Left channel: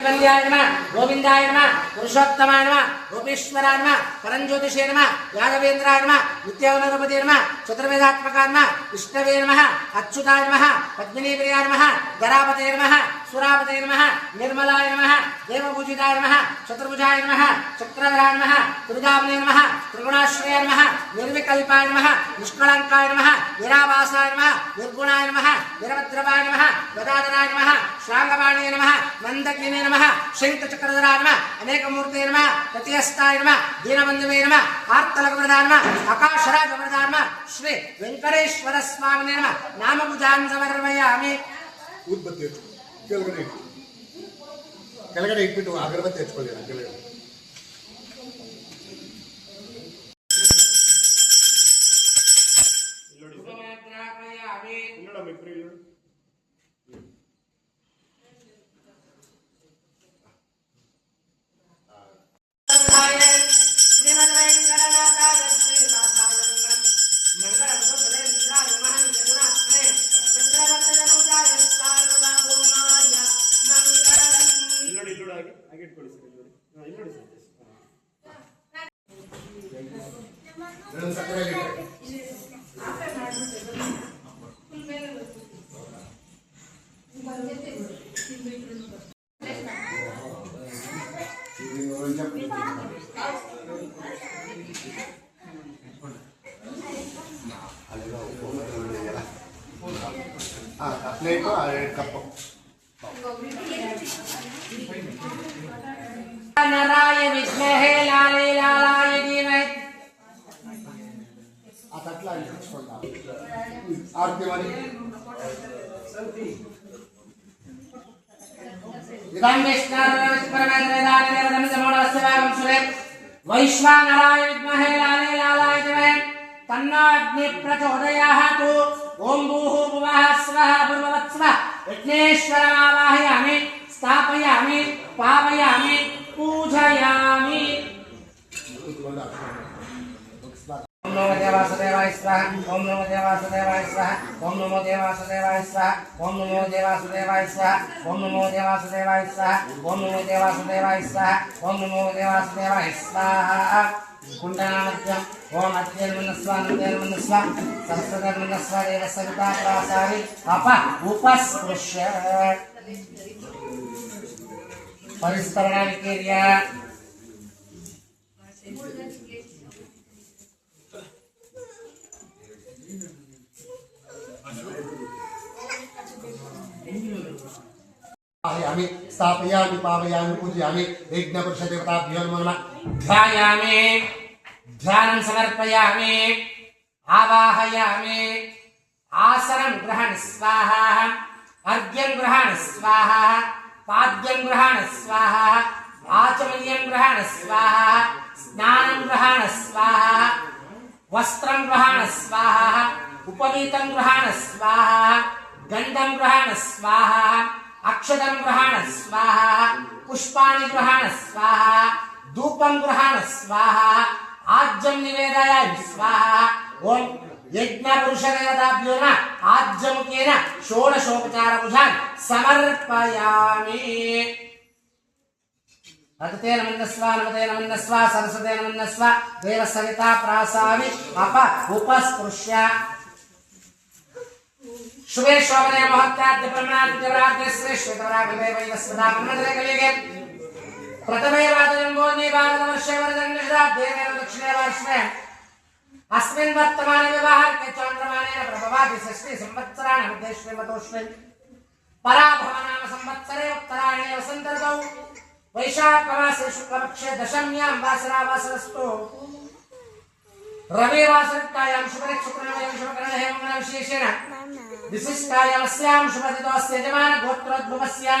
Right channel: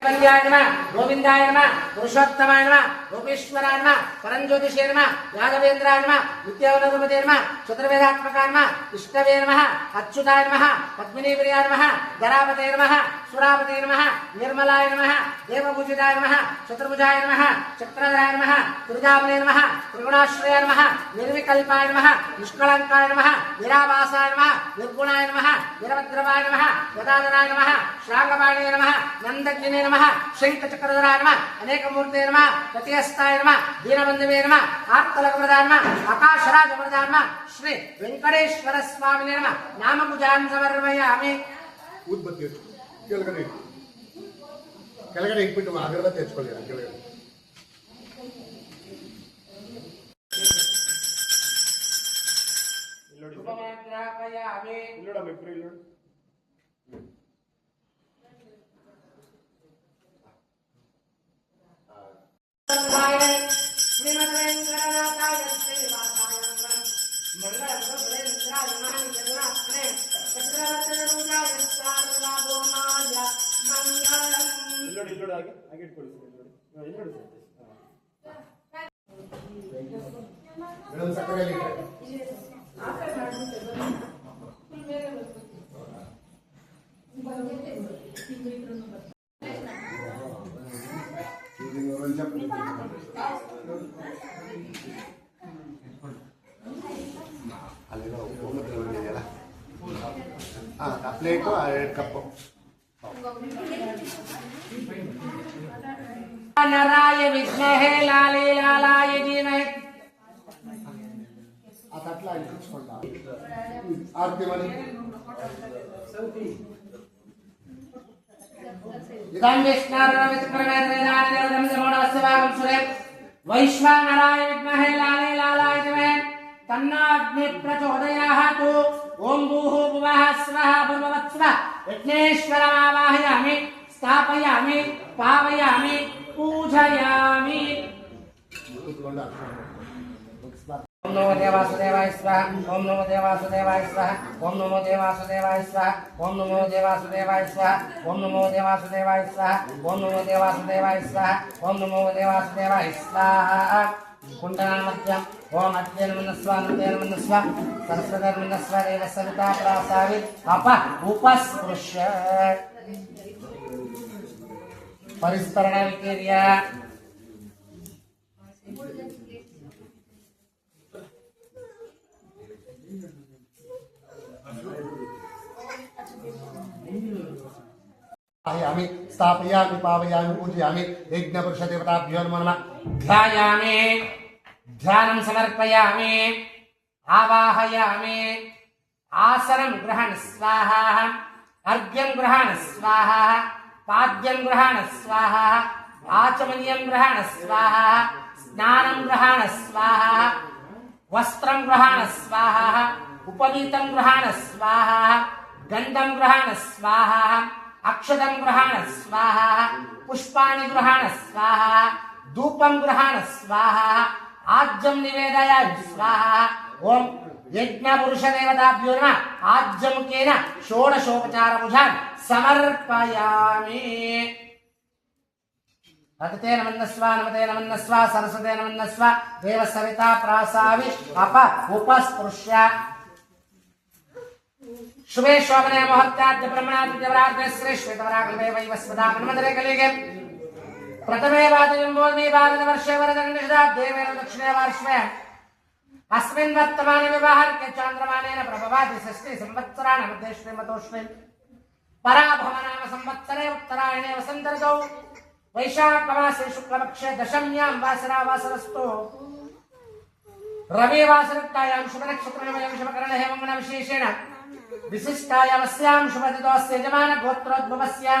गोविंदाय नमः पुरुषोत्तमाय नमः गोपेश्वराय नमः परंज्योतिषे नमः यादवेन्द्राय नमः नित्यावतारपते नमः चतुर्वेदात्मकाय नमः विष्णवे नमः अच्युताय नमः पद्मिनीप्रियाय नमः गरापते नमः सुरापते नमः निर्मलाय नमः देवपूजिताय नमः चतुर्भुजाय नमः चक्रधराय नमः त्रिभुजावने नमः त्रिगुणाश्रयाय नमः निर्विकल्पाय नमः निष्कलंकाय नमः निराभासाय नमः निर्गुणाय नमः वीरभद्रवाय नमः गदाधराय नमः श्लाघवाणे नमः नंदकिने नमः शंखचक्रधराय नमः अनेकमूर्ते नमः प्रत्यस्ताय नमः दीनबंधवे नमः आर्तलकवरदाय नमः आकाशराजवरदाय नमः श्री वेंकटेश्वर स्वामिने नमः नामभुजान् समर्पयामि ಊದ್ಬತ್ತಿ ಕೆಳಗಡೆ ಇಟ್ಬಿಟ್ಟು ಅಗರಬತ್ತಿ ಹಚ್ಕೊಳ್ಳಿ ಕೆಳಗಡೆ प्लेट कप नराय विद्महे लाले लालाय धीमहि अट्ला आरती वाली वैश्वानराय विद्महे लाले लालाय धीमहि तन्नो अग्नि प्रचोदयात् ओम भूः भुवः स्वः भूर्भुवस्सुवः विघ्नेश्वरमावाहयामि स्थापयामि पावयामि पूजयामि ओम नमो देवासुदेवाय स्वाहा ओम नमो देवासुदेवाय स्वाहा ओम नमो देवासुदेवाय स्वाहा ओम नमो देवासुदेवाय स्वाहा ओम नमो देवासुदेवाय स्वाहा ओम नमो देवासुदेवाय स्वाहा ओम नमो देवासुदेवाय स्वाहा कुंडनामध्यम ओम अध्ययनमनस्वा नमोदयनमनस्वा सरस्वतीर्मनस्वा देवसविता प्रासारि अप उपस्पृश्य परिस्तरणानिकेर्य आयामि स्थापयामि पावयामि पूजयामि यज्ञपुरुषदेवताभ्यो नमो नमः ध्यायामि ध्यानं समर्पयामि आवाहयामि आसनं ग्रहण स्वाहा अर्घ्यं ग्रहण स्वाहा पाद्यं ग्रहण स्वाहा आचमनीयं ग्रहण स्वाहा स्नानं ग्रहण स्वाहा वस्त्रं ग्रहण स्वाहा उपवीतं ग्रहण स्वाहा गन्धं ग्रहण स्वाहा अक्षतं ग्रहण स्वाहा पुष्पाणि ग्रहण स्वाहा धूपं ग्रहण स्वाहा आज्यं निवेदयामि स्वाहा ओम यज्ञ पुरुष देवताभ्यो नमः आज्यमुखेन षोडशोपचारभुजान् समर्पयामि अतते नमन्नस्वा नमते नमन्नस्वा सरस्वते नमन्नस्वा देवसविता प्रासावि अप उपस्पृश्य शुभे शोभने मुहूर्ताद्य ब्रह्मणाद्य देवराज्ञ श्रेष्ठतमरागले वैवस्वता मन्मथरे कलिगे प्रथमे वादनं बोधने भारतवर्षे वरदण्डशताब्देव दक्षिणे वर्षे अस्मिन् वर्तमाने विवाहर्के चान्द्रमानेन प्रभवाति षष्ठी संवत्सराणि मध्ये श्रीमतोऽस्मिन् पराभवनाम संवत्सरे उत्तरायणे वसन्त ऋतौ वैशाखमासे शुक्लपक्षे दशम्यां वासरावासरस्तु रविवासरयुक्तायां शुभनक्षत्रमयं शुभकरणहेमं विशेषेण विशिष्टायामस्यां शुभदितोऽस्य यजमान गोत्रोद्भवस्यां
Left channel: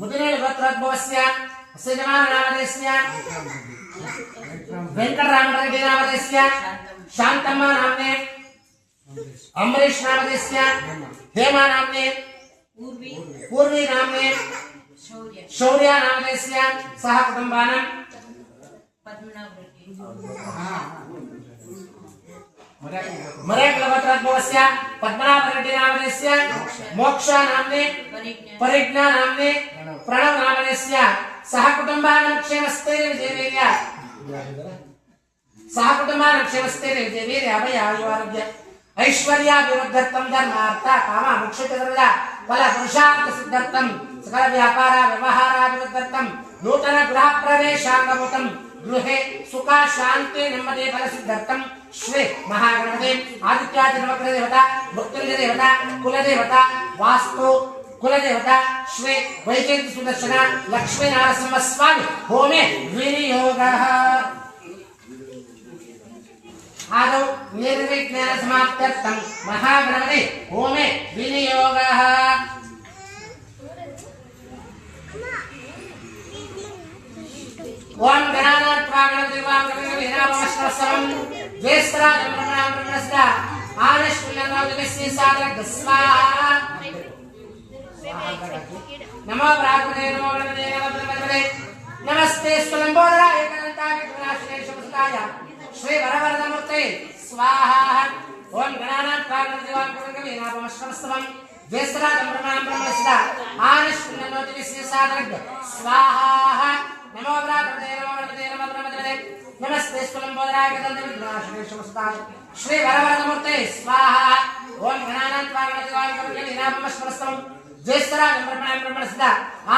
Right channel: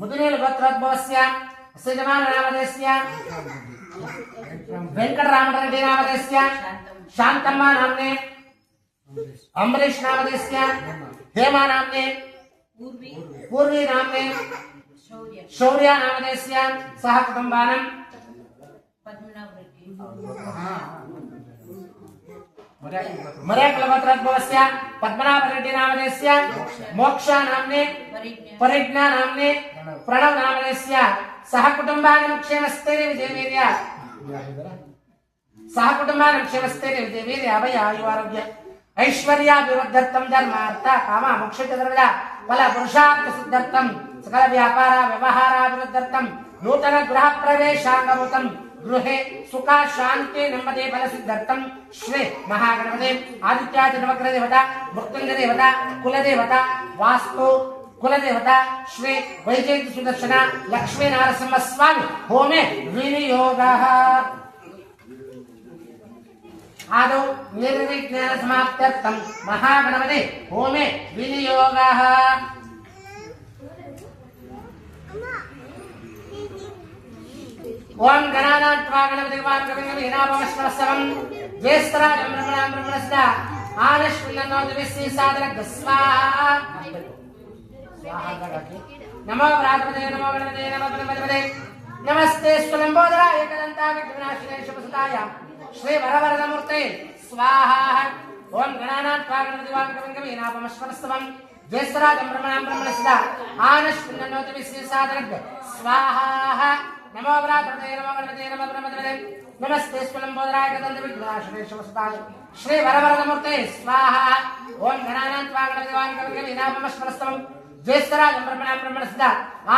मुदिनेल गोत्रोद्भवस्यां अस्य यजमान नामधेयस्यां वेंकटरामरेड्डी नामधेयस्यां शान्तम्मा नाम्ने अम्बरीश नामधेयस्यां हेमा नाम्ने पूर्वी नाम्ने शौर्य नामधेयस्यां सह कुटुम्बानां मरेक्लगोत्रोद्भवस्य पद्मनाभरेड्डी नामधेयस्य मोक्ष नाम्ने परिज्ञा नाम्ने प्रणव नामधेयस्य सह कुटुम्बानां क्षेमस्थैर्य विजयवीर्य सह कुटुम्बानां क्षेमस्थैर्य विजयवीर्य अभय आयुरारोग्य ऐश्वर्याभिवृद्ध्यर्थं धर्मार्थ काम मोक्ष चतुर्विध फल पुरुषार्थ सिद्ध्यर्थं सकल व्यापार व्यवहाराभिवृद्ध्यर्थं नूतन गृह प्रवेशांगभूतं गृहे सुख शांति नेम्मदि फल सिद्ध्यर्थं श्री महागणपते आदित्यादि नवग्रह देवता मृत्युंजय देवता कुल देवता वास्तु कुल देवता श्री वैजयंती सुदर्शन लक्ष्मी नारसिंह स्वामी होमे विनियोगः आदौ निर्विघ्नेन समाप्त्यर्थं महागणपते होमे विनियोगः ओम गणानां त्वा गणपतिर्वां कविर्वीणापमश्रवस्तवं ज्येष्ठराजं ब्रह्मणां ब्रह्मणस्दा आनश्विन्नोदिविश्री सादरं स्वाहा नमो प्रातपदे नमो गणपते नमो ब्रह्मपदे नमस्ते स्वलंबोदराय एकदन्ताय विघ्नाशिने शुभसुताय श्री वरवरदमूर्ते स्वाहा ओम गणानां त्वा गणपतिर्वां कविर्वीणापमश्रवस्तवं ज्येष्ठराजं ब्रह्मणां ब्रह्मणस्दा आनश्विन्नोदिविश्री सादरं स्वाहा नमो प्रातपदे नमो गणपते नमो ब्रह्मपदे नमस्ते स्वलंबोदराय एकदन्ताय शुभसुताय श्री वरवरदमूर्ते स्वाहा ओम गणानां त्वा गणपतिर्वां कविर्वीणापमश्रवस्तवं ज्येष्ठराजं ब्रह्मणां ब्रह्मणस्दा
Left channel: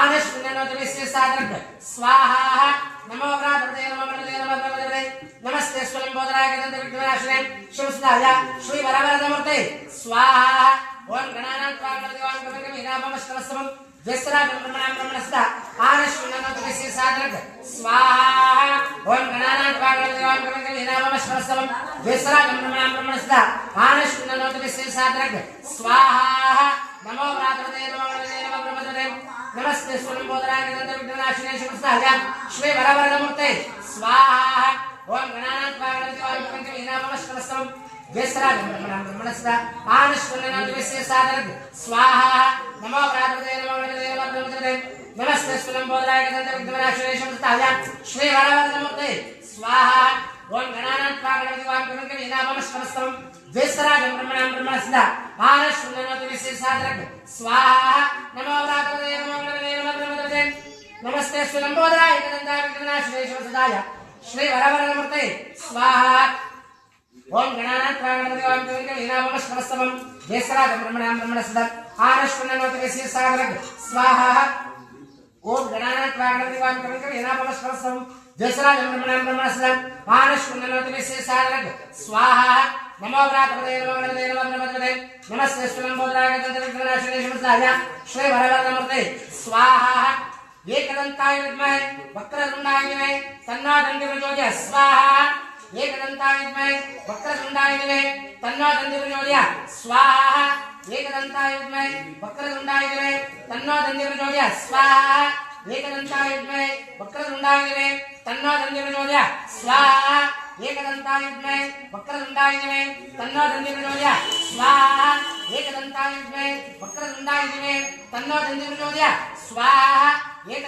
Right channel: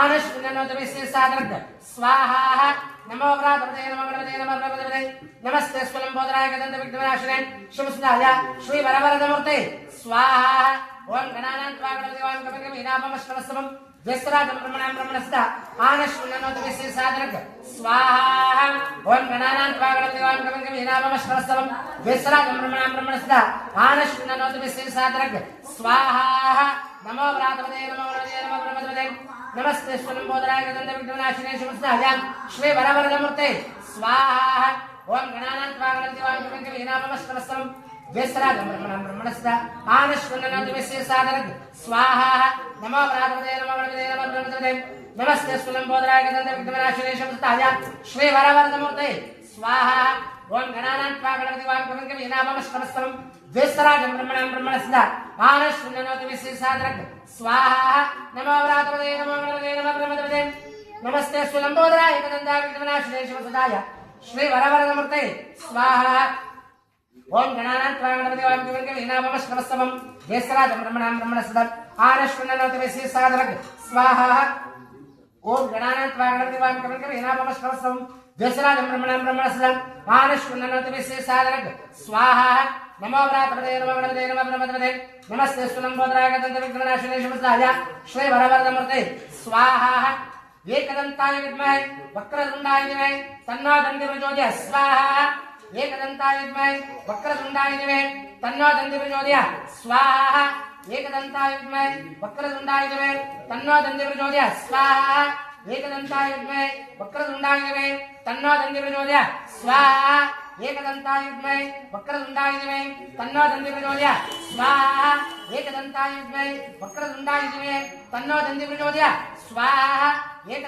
आनश्विन्नोदिविश्री सादरं स्वाहा नमो प्रातपदे नमो गणपते नमो ब्रह्मपदे नमस्ते स्वलंबोदराय एकदन्ताय शुभसुताय श्री वरवरदमूर्ते स्वाहा ओम गणानां त्वा गणपतिर्वां कविर्वीणापमश्रवस्तवं ज्येष्ठराजं ब्रह्मणां ब्रह्मणस्दा आनश्विन्नोदिविश्री सादरं स्वाहा ओम गणानां त्वा गणपतिर्वां कविर्वीणापमश्रवस्तवं ज्येष्ठराजं ब्रह्मणां ब्रह्मणस्दा आनश्विन्नोदिविश्री सादरं स्वाहा नमो प्रातपदे नमो गणपते नमो ब्रह्मपदे नमस्ते स्वलंबोदराय एकदन्ताय शुभसुताय श्री वरवरदमूर्ते स्वाहा ओम गणानां त्वा गणपतिर्वां कविर्वीणापमश्रवस्तवं ज्येष्ठराजं ब्रह्मणां ब्रह्मणस्दा आनश्विन्नोदिविश्री सादरं स्वाहा नमो प्रातपदे नमो गणपते नमो ब्रह्मपदे नमस्ते स्वलंबोदराय एकदन्ताय शुभसुताय श्री वरवरदमूर्ते स्वाहा ओम गणानां त्वा गणपतिर्वां कविर्वीणापमश्रवस्तवं ज्येष्ठराजं ब्रह्मणां ब्रह्मणस्दा आनश्विन्नोदिविश्री सादरं स्वाहा नमो प्रातपदे नमो गणपते नमो ब्रह्मपदे नमस्ते स्वलंबोदराय एकदन्ताय शुभसुताय श्री वरवरदमूर्ते स्वाहा ओम गणानां त्वा गणपतिर्वां कविर्वीणापमश्रवस्तवं ज्येष्ठराजं ब्रह्मणां ब्रह्मणस्दा आनश्विन्नोदिविश्री सादरं स्वाहा ओम गणानां त्वा गणपतिर्वां कविर्वीणापमश्रवस्तवं ज्येष्ठराजं ब्रह्मणां ब्रह्मणस्दा आनश्विन्नोदिविश्री सादरं स्वाहा नमो प्रातपदे नमो गणपते नमो ब्रह्मपदे नमस्ते स्वलंबोदराय एकदन्ताय शुभसुताय श्री वरवरदमूर्ते स्वाहा एकदन्ताय विद्महे वक्रतुण्डाय धीमहि तन्नो दन्ति प्रचोदयात् स्वाहा एकदन्ताय विद्महे वक्रतुण्डाय धीमहि तन्नो दन्ति प्रचोदयात् स्वाहा एकदन्ताय विद्महे वक्रतुण्डाय धीमहि तन्नो दन्ति प्रचोदयात् स्वाहा एकदन्ताय विद्महे वक्रतुण्डाय धीमहि तन्नो दन्ति प्रचोदयात् स्वाहा एकदन्ताय विद्महे वक्रतुण्डाय धीमहि तन्नो दन्ति प्रचोदयात् स्वाहा एकदन्ताय विद्महे वक्रतुण्डाय धीमहि तन्नो दन्ति प्रचोदयात् स्वाहा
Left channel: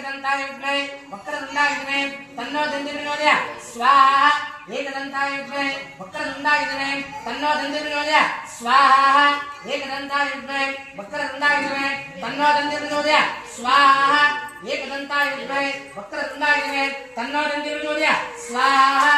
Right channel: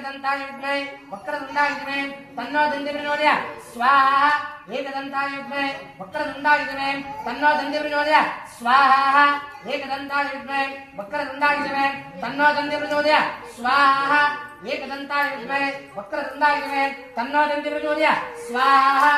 एकदन्ताय विद्महे वक्रतुण्डाय धीमहि तन्नो दन्ति प्रचोदयात् स्वाहा एकदन्ताय विद्महे वक्रतुण्डाय धीमहि तन्नो दन्ति प्रचोदयात् स्वाहा एकदन्ताय विद्महे वक्रतुण्डाय धीमहि तन्नो दन्ति प्रचोदयात् स्वाहा एकदन्ताय विद्महे वक्रतुण्डाय धीमहि तन्नो दन्ति प्रचोदयात् स्वाहा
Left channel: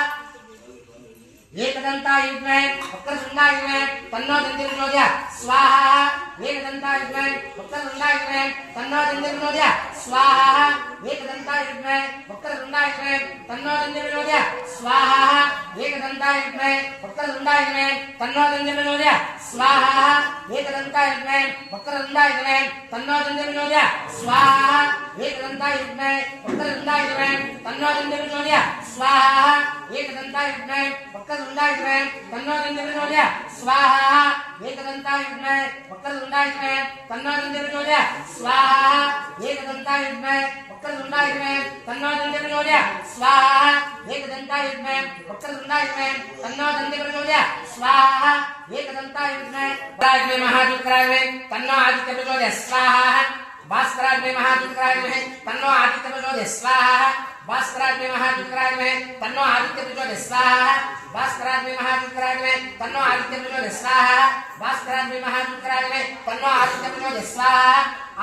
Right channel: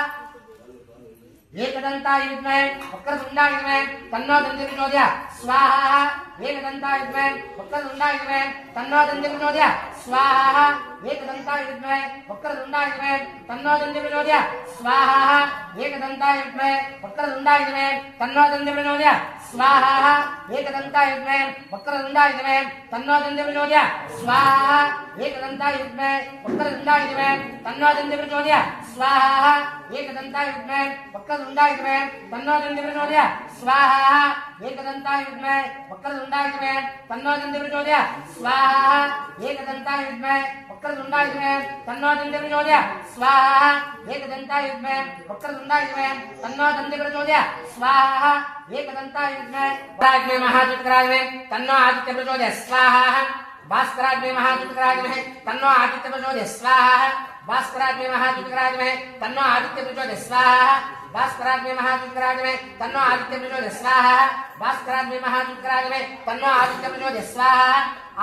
एकदन्ताय विद्महे वक्रतुण्डाय धीमहि तन्नो दन्ति प्रचोदयात् स्वाहा एकदन्ताय विद्महे वक्रतुण्डाय धीमहि तन्नो दन्ति प्रचोदयात् स्वाहा एकदन्ताय विद्महे वक्रतुण्डाय धीमहि तन्नो दन्ति प्रचोदयात् स्वाहा एकदन्ताय विद्महे वक्रतुण्डाय धीमहि तन्नो दन्ति प्रचोदयात् स्वाहा एकदन्ताय विद्महे वक्रतुण्डाय धीमहि तन्नो दन्ति प्रचोदयात् स्वाहा एकदन्ताय विद्महे वक्रतुण्डाय धीमहि तन्नो दन्ति प्रचोदयात् स्वाहा एकदन्ताय विद्महे वक्रतुण्डाय धीमहि तन्नो दन्ति प्रचोदयात् स्वाहा एकदन्ताय विद्महे वक्रतुण्डाय धीमहि तन्नो दन्ति प्रचोदयात् स्वाहा एकदन्ताय विद्महे वक्रतुण्डाय धीमहि तन्नो दन्ति प्रचोदयात् स्वाहा एकदन्ताय विद्महे वक्रतुण्डाय धीमहि तन्नो दन्ति प्रचोदयात् स्वाहा एकदन्ताय विद्महे महाज्योतिराय तन्नो आदित्य प्रचोदयात् स्वाहा भास्कराग्ने महाज्योतिराग्ने तन्नो आदित्य प्रचोदयात् स्वाहा भास्कराग्ने महाज्योतिराग्ने तन्नो आदित्य प्रचोदयात् स्वाहा भास्कराग्ने महाज्योतिराग्ने तन्नो आदित्य प्रचोदयात् स्वाहा भास्कराग्ने महाज्योतिराग्ने तन्नो आदित्य प्रचोदयात् स्वाहा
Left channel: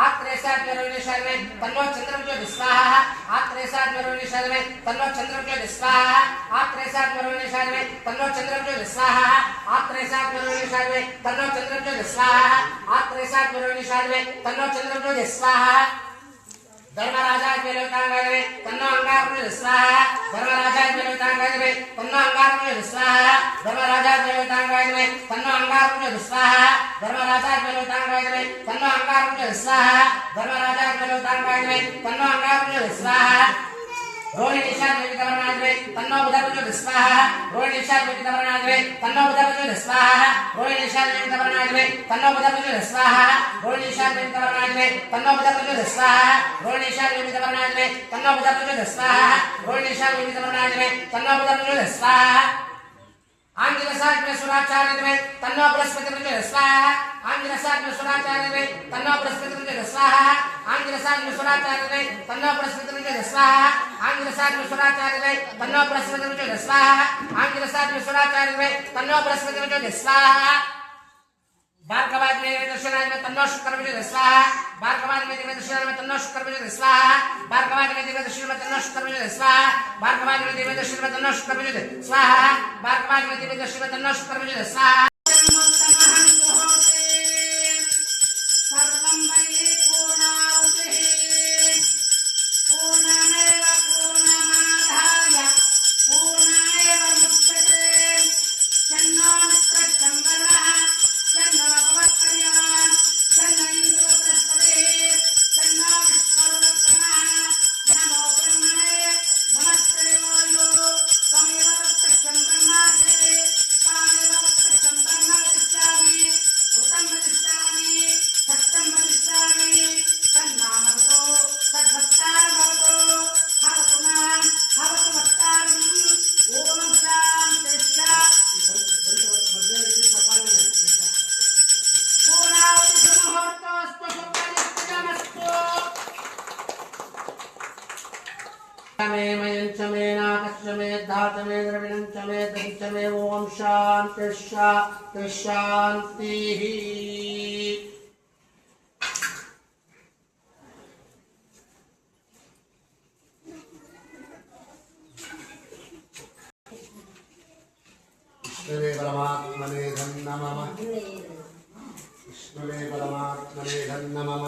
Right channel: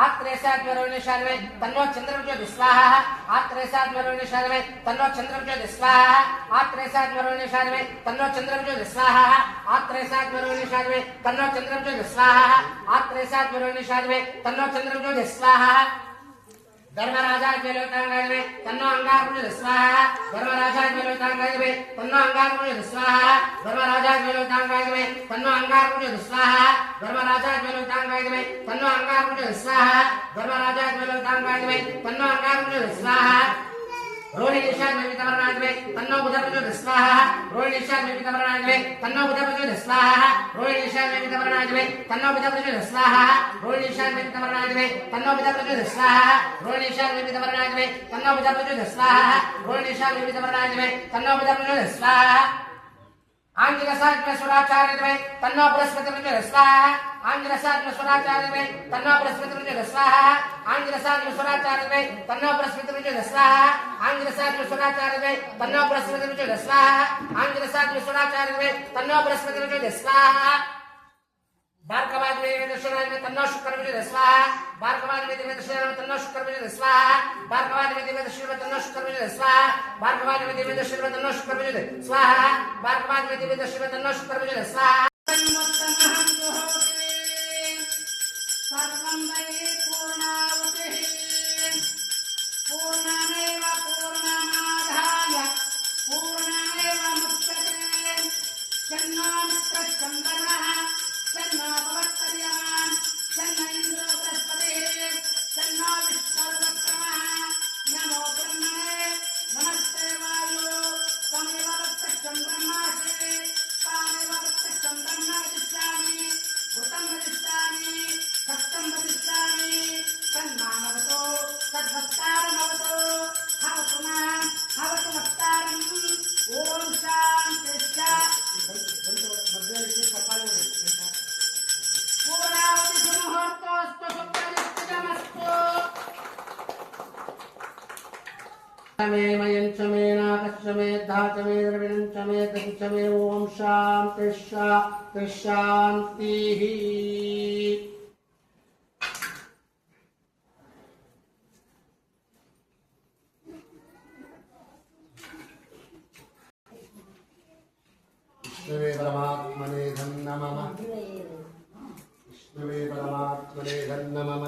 आत्रेसाद्वरुणेशाग्ने तन्नो चंद्र प्रचोदयात् स्वाहा आत्रेसाद्वरुणेशाग्ने तन्नो चंद्र प्रचोदयात् स्वाहा आत्रेसाद्वरुणेशाग्ने तन्नो चंद्र प्रचोदयात् स्वाहा आत्रेसाद्वरुणेशाग्ने तन्नो चंद्र प्रचोदयात् स्वाहा आत्रेसाद्वरुणेशाग्ने तन्नो चंद्र प्रचोदयात् स्वाहा धर्मराजा ज्वलितांगने तन्नो अंगार प्रचोदयात् स्वाहा धर्मराजा ज्वलितांगने तन्नो अंगार प्रचोदयात् स्वाहा धर्मराजा ज्वलितांगने तन्नो अंगार प्रचोदयात् स्वाहा धर्मराजा ज्वलितांगने तन्नो अंगार प्रचोदयात् स्वाहा धर्मराजा ज्वलितांगने तन्नो अंगार प्रचोदयात् स्वाहा रोहिणीशा ज्वलितवर्णाग्ने तन्नो बुध प्रचोदयात् स्वाहा रोहिणीशा ज्वलितवर्णाग्ने तन्नो बुध प्रचोदयात् स्वाहा रोहिणीशा ज्वलितवर्णाग्ने तन्नो बुध प्रचोदयात् स्वाहा रोहिणीशा ज्वलितवर्णाग्ने तन्नो बुध प्रचोदयात् स्वाहा रोहिणीशा ज्वलितवर्णाग्ने तन्नो बुध प्रचोदयात् स्वाहा रोहिणीशा ज्वलितवर्णाग्ने तन्नो बुध प्रचोदयात् स्वाहा आंगिरसाग्ने सुराचार्यमे तन्नो बृहस्पति प्रचोदयात् स्वाहा आंगिरसाग्ने सुराचार्यमे तन्नो बृहस्पति प्रचोदयात् स्वाहा आंगिरसाग्ने सुराचार्यमे तन्नो बृहस्पति प्रचोदयात् स्वाहा आंगिरसाग्ने सुराचार्यमे तन्नो बृहस्पति प्रचोदयात् स्वाहा आंगिरसाग्ने सुराचार्यमे तन्नो बृहस्पति प्रचोदयात् स्वाहा भार्गवाग्ने दर्शनाय तन्नो शुक्र प्रचोदयात् स्वाहा भार्गवाग्ने दर्शनाय तन्नो शुक्र प्रचोदयात् स्वाहा भार्गवाग्ने दर्शनाय तन्नो शुक्र प्रचोदयात् स्वाहा भार्गवाग्ने दर्शनाय तन्नो शुक्र प्रचोदयात् स्वाहा भार्गवाग्ने दर्शनाय तन्नो शुक्र प्रचोदयात् स्वाहा सर्वं वै पूर्णाहुतिः पूर्णमेव पूर्णमादाय पूर्णमेवावशिष्यते तन्नो मित्रश्चन्दनः तन्नो भवत्पर्यमान् तन्नो इन्द्रो बृहस्पतिः तन्नो विष्णुर्वक्रमः नमो ब्रह्मणे नमस्ते वायो त्वमेव वत्सं ब्रह्मासि त्वामेव वत्सं ब्रह्म वदिष्यामि भूतं वदिष्यामि सत्यं वदिष्यामि तन्नामवतो तद्वक्तारमवतो भवतु मां भवतु वक्तारम् ॐ शान्तिश्च पूर्णाहुतिसुमुहूर्तोऽस्तु शुभनिश्चितमस्तु मे मयञ्च मे नाकश्च मे धाच मे द्रविणञ्च मे दञ्च मे ॐ शान्तिः विष्णुवे परमात्मने नमः विष्णुवे परमात्मने नमः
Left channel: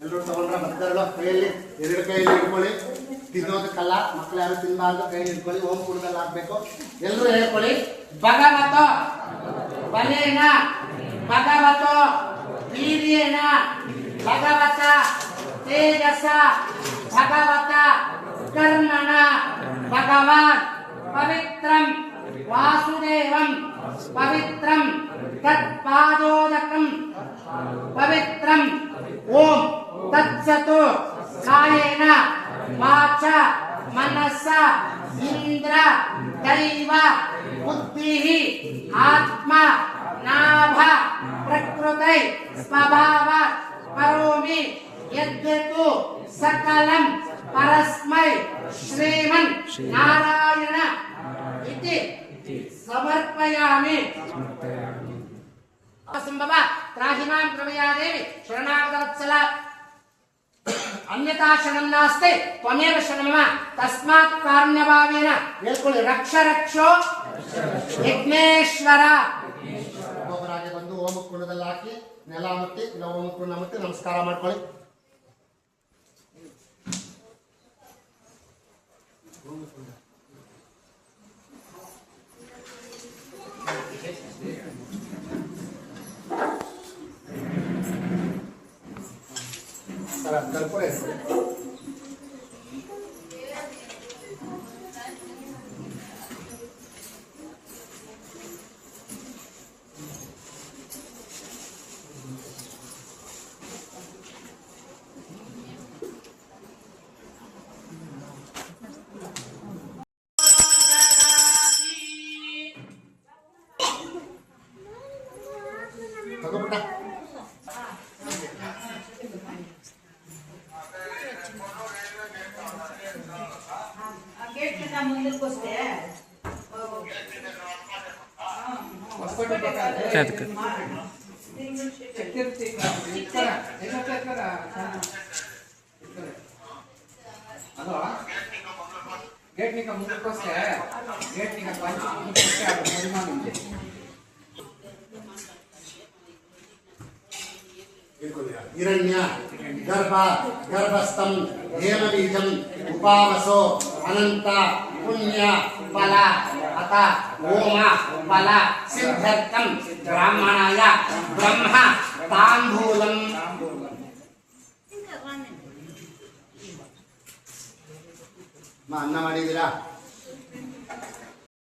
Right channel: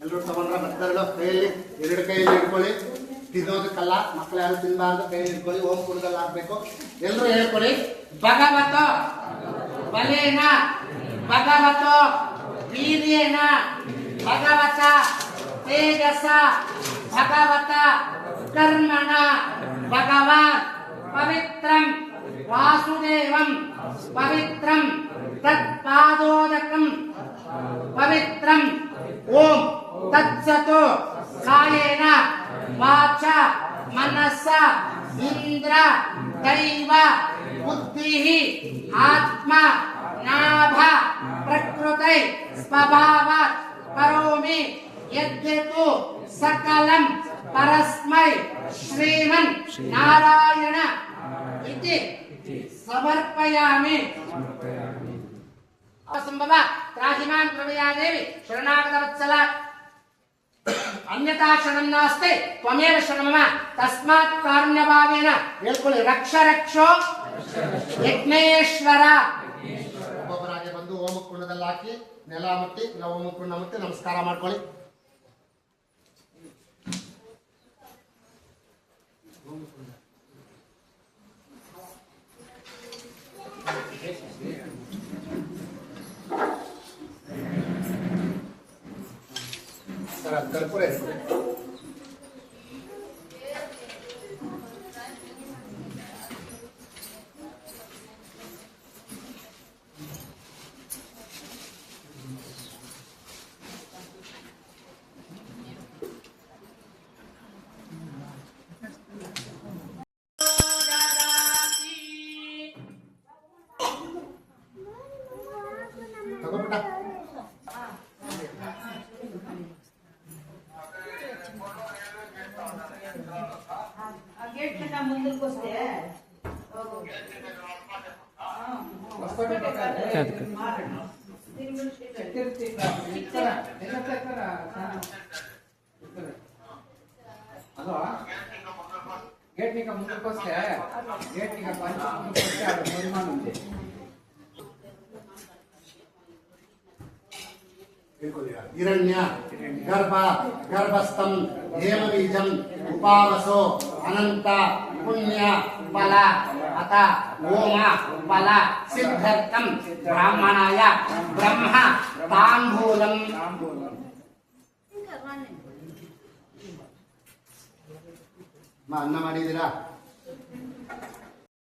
ಎಲ್ಲರೂ ತಗೊಂಡ್ರ ಬರ್ತಾರಲ್ಲ ಕೈಯಲ್ಲಿ ಎರಡು ಕೈಯಲ್ಲಿ ಹಿಡ್ಕೊಳ್ಳಿ ತಿನ್ನೋದಕ್ಕಲ್ಲ ಮಕ್ಕಳು ಯಾರು ತಿನ್ನಬಾರ್ದು ಕೈಯಲ್ಲಿ ಹಿಡ್ಕೊಳ್ಳಿ ಓಂ ಕುಡದಲ್ಲಿ ಹಾಕ್ಬೇಕು ಎಲ್ಲರೂ ಹೇಳ್ಕೊಳ್ಳಿ ಭಗವತೋ ಬಲೇನ ಭಗವತೋ ವೀರ್ಯೇನ ಭಗವತ ತೇಜಸ ಭಗವತ ಕರ್ಮಣ ಭಗವಾನ್ ಪವಿತ್ರಂ ವಾಸುದೇವಂ ಪವಿತ್ರಂ ತತ್ಪಾದೋದಕಂ ಪವಿತ್ರಂ ಓಂ ತತ್ಸತು ಕಾಯೇನ ವಾಚ ಮನಸ್ಸ ಇಂದ್ರ ದೈವ ಬುದ್ಧಿಃ ಆತ್ಮ ನಾಭ ಪ್ರಕೃತೈ ಸ್ವಭಾವ ಕರೋಮಿ ಯದ್ಯತು ಸಕಲಂ ಪರಸ್ಮೈ ಶ್ರೀಮನ್ ನಾರಾಯಣ ಇತಿ ಸಮರ್ಪಯಾಮಿ असंभव त्राहिमां प्रभया देवी शरणागतवत्सल अन्यथा शरणं नास्ति त्वमेव शरणं मम तस्मात् कारुण्यभावेन ಹೇಳ್ಕೊಳ್ಳಿ ರಕ್ಷ ರಕ್ಷೋ ಯಜ್ಞೇಶ್ವರ ಒಬ್ಬೊಬ್ಬರಾಗಿ ಬಂದು ಓಮ ಕುಂಡದಲ್ಲಿ ಹಾಕಿ ನೆಲ ಮುಟ್ಟಿ ಇಲ್ಲ ಓಮ ಕುಂಡ ಮುಟ್ಟಿ ನಮಸ್ಕಾರ ಮಾಡ್ಕೊಳ್ಳಿ कर्पूर ತಗೋಬಿಟ್ಟ గేట్ నీకు ముందుకు వస్తే గేట్ నీకు పంచి ముందుకు వస్తే అక్కడ పరిమాణం ఉంది हिरण्य गर्भ गर्भस्थम हेमबीजम उपावसो अनंत पुण्य फल अत ओम फल सिद्धर्थम ब्राह्मणाय ब्रह्म तांबूलम अन्न ಮಾಡಿದಿರಾ